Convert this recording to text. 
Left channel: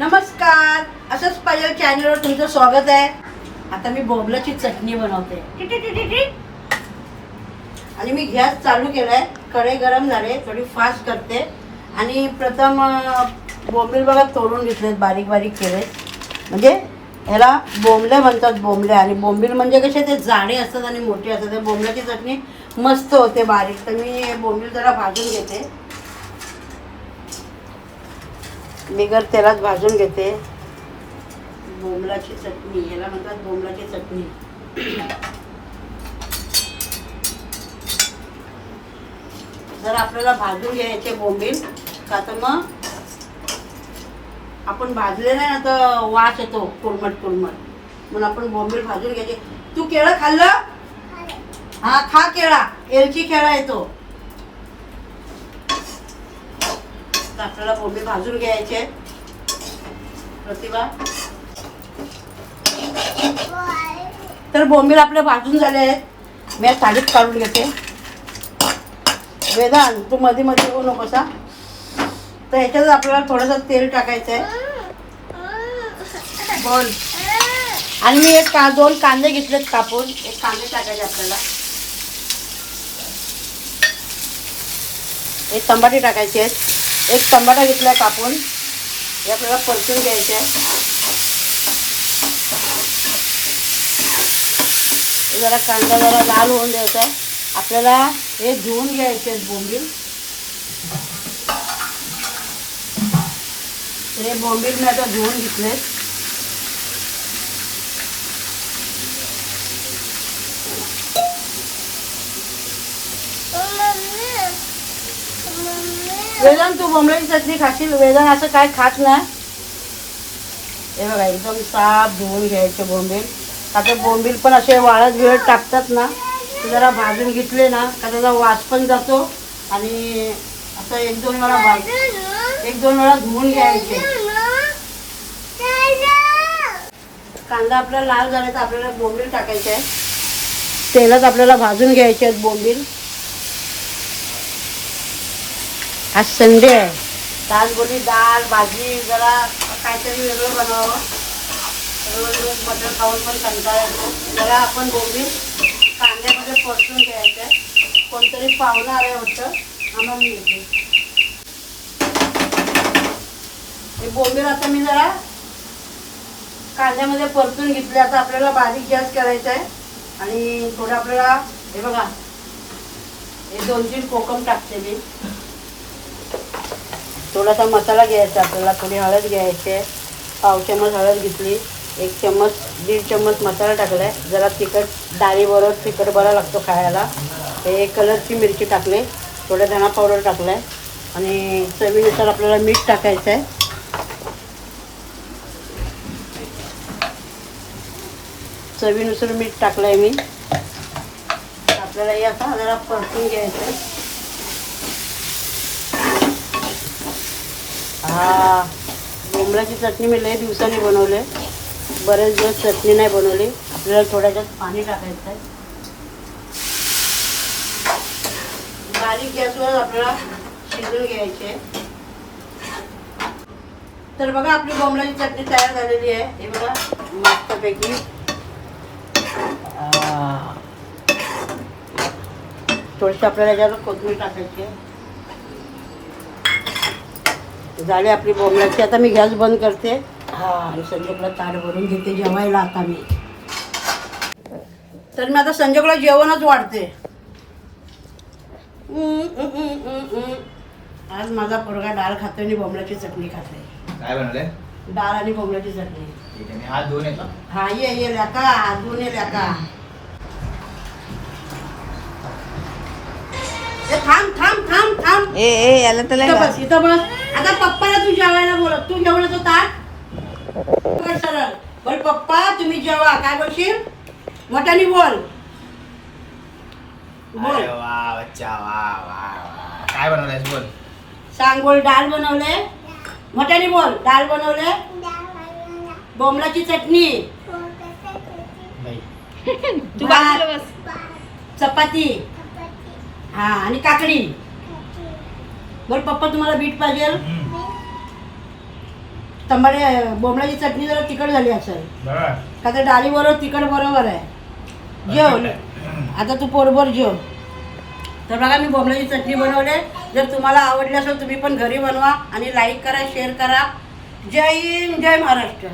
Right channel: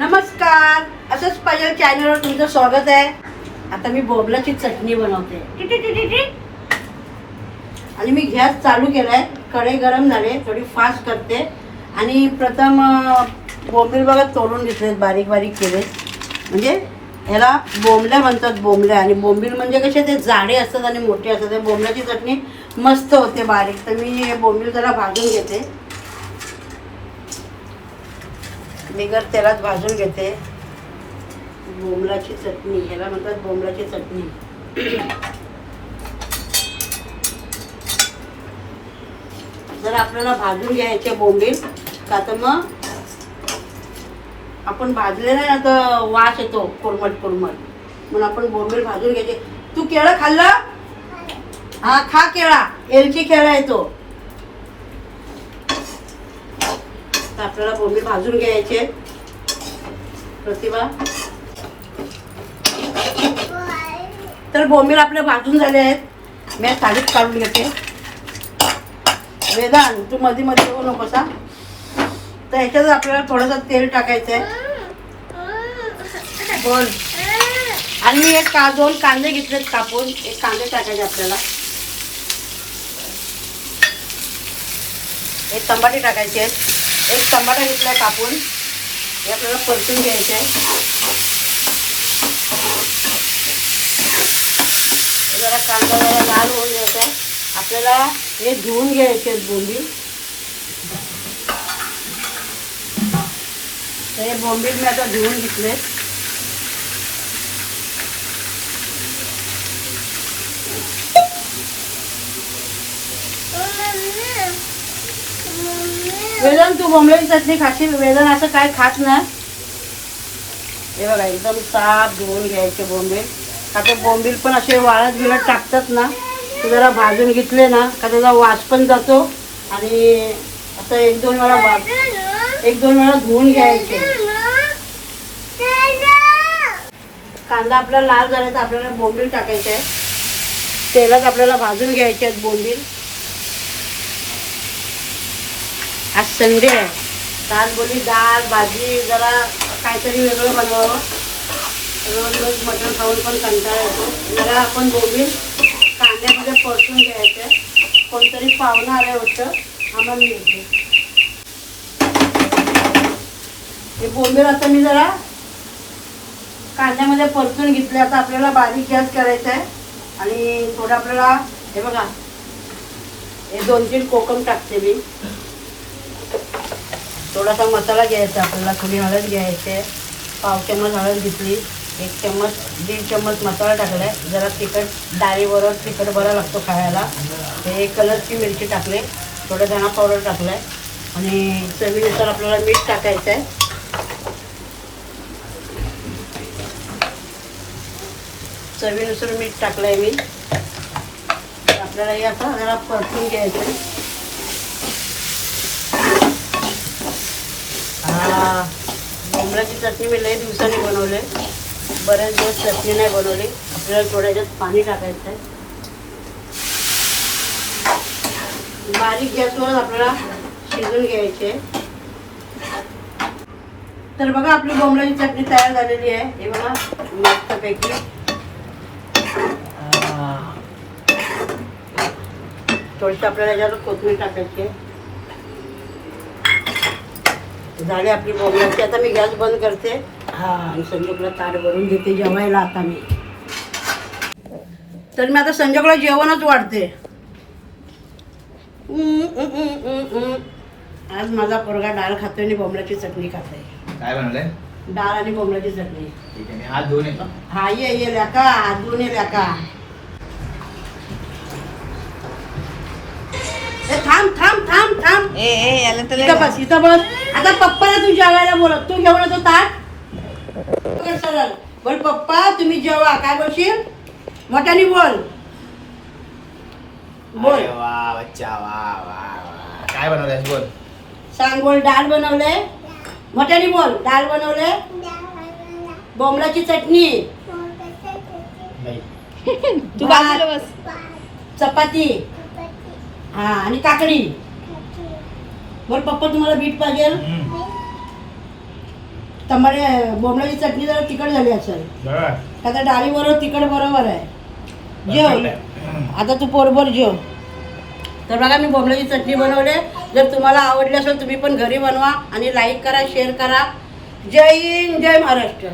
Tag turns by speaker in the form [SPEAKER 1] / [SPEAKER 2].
[SPEAKER 1] नमस्कार. असंच पाहिजे चॅनलवर तुमचं स्वागत आहे. आता मी बोबलाची चटणी बनवते. आणि मी गॅस चालू केलाय. कढई गरम झाले थोडी फास्ट करते. आणि प्रथम बोंबील बघा तोडून घेतलेत बारीक बारीक केले म्हणजे ह्याला बोंबल्या म्हणतात बोंबल्या. आणि बोंबील म्हणजे कसे ते जाडे असतात आणि मोठे असतात. बोंबल्याची चटणी मस्त होते बारीक. तर मी हे बोंबील जरा भाजून घेते. बिगर तेलात भाजून घेते. बोंबलाची चटणी ह्याला म्हणतात बोंबलाची चटणी. जर आपल्याला भाजून घ्यायचे बोंबील का तर मग आपण भाजले नाही आता वास येतो कोरमट कोरमट. म्हणून आपण बोंबील भाजून घ्यायचे. तू केळं खाल्लं. हा खा केळा. एलची केळा येतो. आता आपल्याला बोंबे भाजून घ्यायचे. प्रतिभा. तर बोंबील आपले भाजून झाले आहेत. मी साडीत काढून घेते. वेदान तू मध्ये मध्ये येऊ नकोसा. तर ह्याच्यात आपल्याला थोडंसं तेल टाकायचं आहे बोल. आणि मी एक का दोन कांदे घेतलेत कापून. एक कांदे टाकायचे आपल्याला. एक टमाटे टाकायचे एक टमाटा घेतलाय कापून. हे आपल्याला परतून घ्यायचे. जरा कांदा जरा लाल होऊन द्यायचा आपल्याला हे धुवून घ्यायचे आहेत बोंबी. हे बोंबी मी आता धुवून घेतले. वेदन तू बोंबलाची चटणी खाशील वेदन असं काय खात नाही. हे बघा एकदम साफ धुवून घ्यायचे बोंबील. आता बोंबील पण असे वाळत बिळत टाकतात ना ते जरा भाजून घेतले ना का त्याचा वास पण जातो. आणि असं एक दोन वेळा वास एक दोन वेळा धुवून घ्यायचे. कांदा आपला लाल झाला तर आपल्याला बोंबील टाकायचे आहे तेलात आपल्याला भाजून घ्यायचे आहेत बोंबील. आज संडे आहे. आज बोली डाळ भाजी जरा काहीतरी वेगळं बनवावं. रोज रोज मटण खाऊन पण कंटाळा येतो. जरा आपण बोली कांद्यामध्ये परतून घ्यायचं. कोणतरी पाहुणं आलं होतं आम्हाला मिळते. हे बोंबील आता मी जरा कांद्यामध्ये परतून घेतले. आता आपल्याला बारीक गॅस करायचा आहे. आणि थोडं आपल्याला हे बघा हे दोन तीन कोकम टाकते मी. थोडासा मसाला घ्यायचा आपल्याला थोडी हळद घ्यायची पाव चम्मच हळद घेतली. एक चम्मच दीड चम्मच मसाला टाकलाय. जरा तिखट डाळीबरोबर तिखट बरा लागतो खायला. हे कलरची मिरची टाकली. थोडं धणा पावडर टाकलाय. आणि चवीनुसार आपल्याला मीठ टाकायचं आहे चवीनुसार मीठ टाकलंय मी. आपल्याला हे आता परतून घ्यायचं हा. चटणी मी लई दिवसांनी बनवली बरेच दिवस चटणी नाही बनवली. आपल्याला थोड्याच्यात पाणी टाकायचं आहे. बारीक गॅसवर आपल्याला शिजून घ्यायचे तर बघा आपली बोंबलाची चटणी तयार झालेली आहे. हे बघा मस्तपैकी. थोडीशी आपल्याला याच्यावर कोथमीर टाकायची आहे. झाली आपली बोलण्याची आता मी गॅस बंद करते. हा आणि संजोगला ताट भरून घेते जेवायला आता मी. तर मी आता संजोगला जेवणच वाढते. आज माझा पोरगा डाळ खातोय आणि बोंबल्याची चटणी खातोय.
[SPEAKER 2] काय बनवलंय?
[SPEAKER 1] डाळ आणि बोंबल्याची चटणी.
[SPEAKER 2] ठीक आहे मी हात धुवून येतो
[SPEAKER 1] हा ये ये लेका. दोन ये लेका. थांब थांब थांब थांब.
[SPEAKER 3] ए ए याला तर
[SPEAKER 1] इथं बस इथं बस. आता पप्पाला तू जेवायला बोलत तू घेऊन येतो ताट बोल सरळ. बोल पप्पा तुम्ही जेवा. काय बोलशील? मोठ्याने बोल. बोल.
[SPEAKER 2] अरे वा बच्चा वा वा वा. काय बनवलंयस बोल.
[SPEAKER 1] सांग बोल डाळ बनवले मोठ्याने बोल. डाळ बनवले बोंबलाची चटणी.
[SPEAKER 2] नाही.
[SPEAKER 3] तू बाजूला बस
[SPEAKER 1] चपाती. हा आणि काकडी. बोल पप्पा तुम्हाला बीट पाहिजे?
[SPEAKER 2] हम्म.
[SPEAKER 1] तंबाडी बोंबलाची चटणी जरा तिखट झाली असेल. का तर डाळी बरोबर तिखट बरोबर आहे. जेव. आता तू पोरभर जेव. तर बघा मी बोंबलाची चटणी बनवले. जर तुम्हाला आवडली असेल तुम्ही पण घरी बनवा आणि लाईक करा शेअर करा. जय हिंद जय महाराष्ट्र.